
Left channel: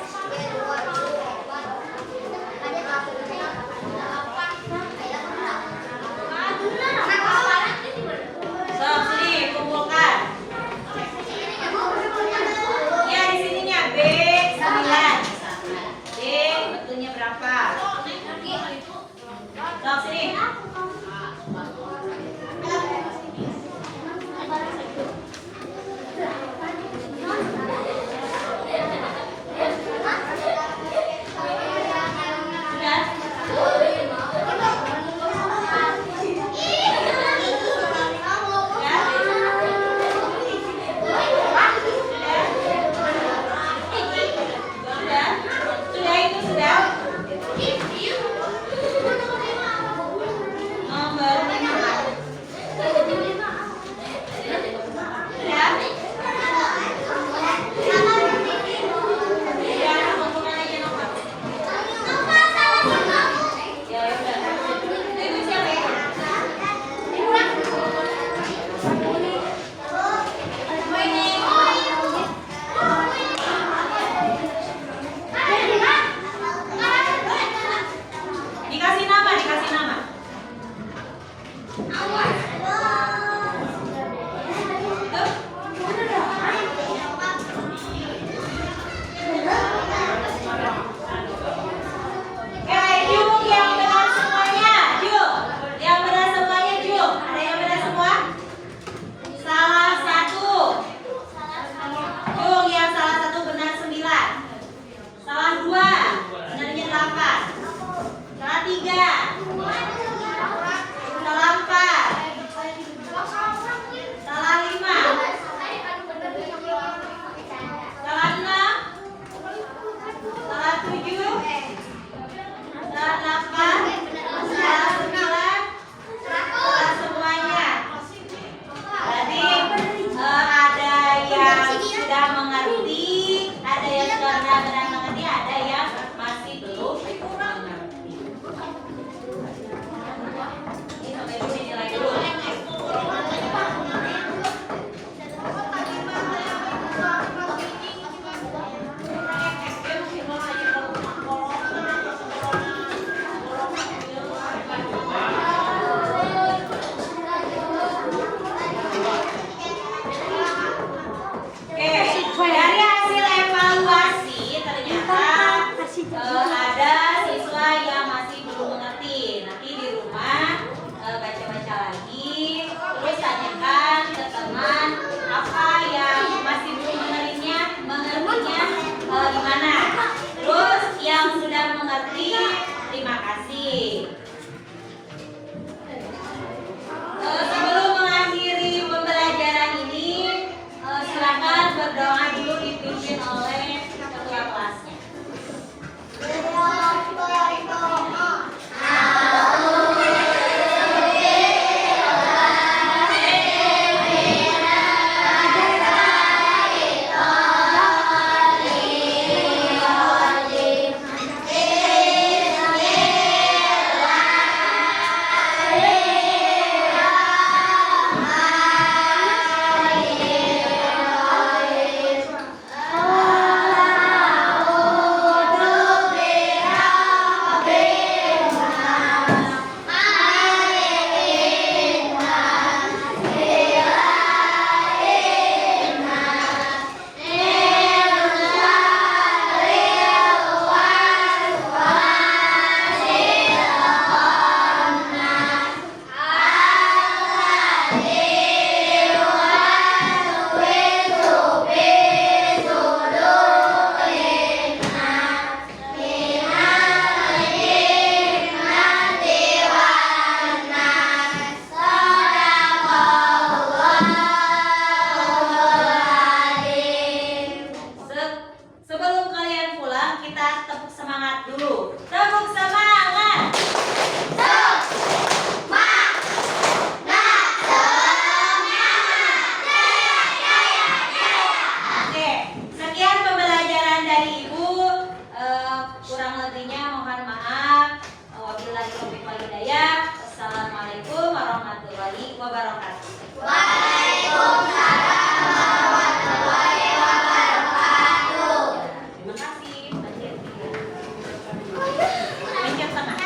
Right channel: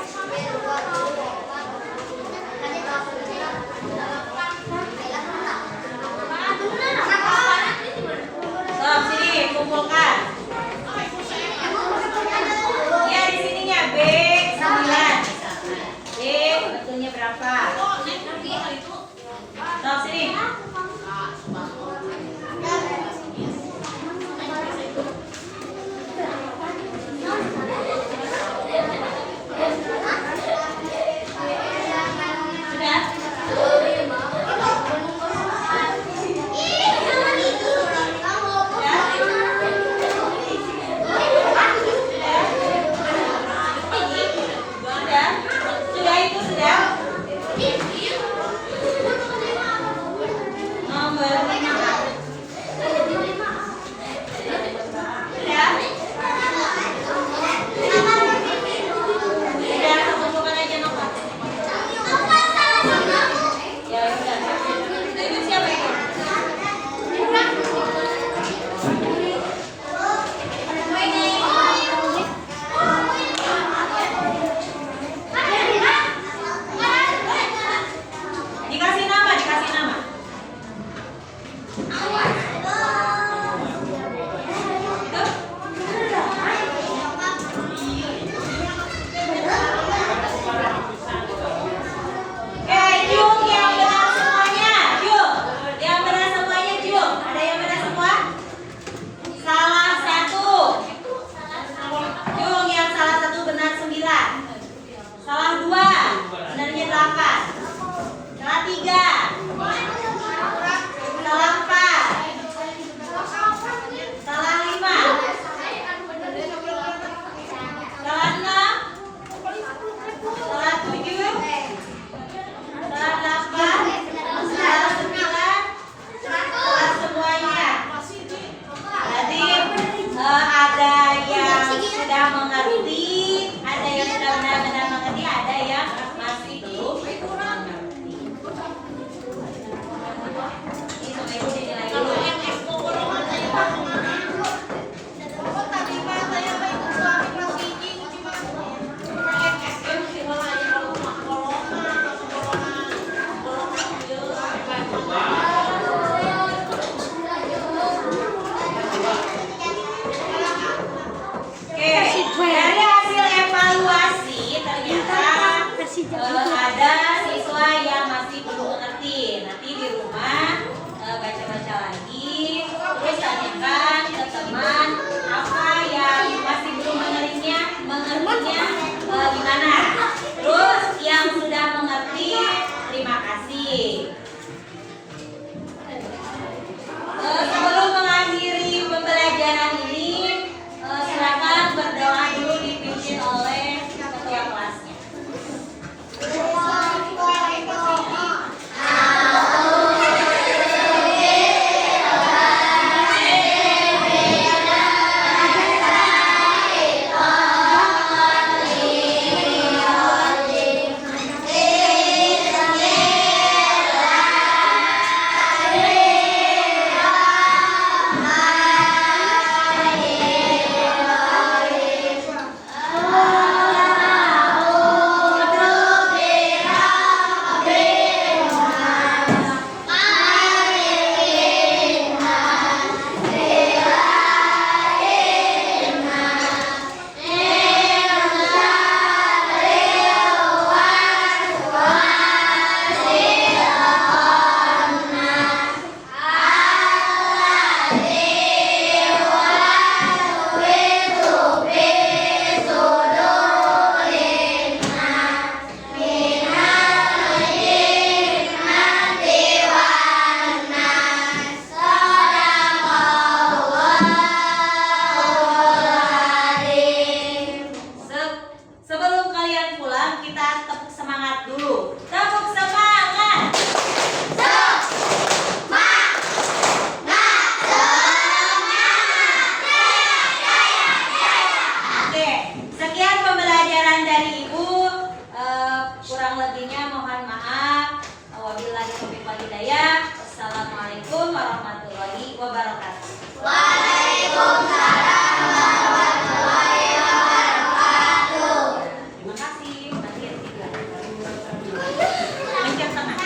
So, sini kumpulkan. Ya, di sininya B 9. B betulnya berapa? So, sini.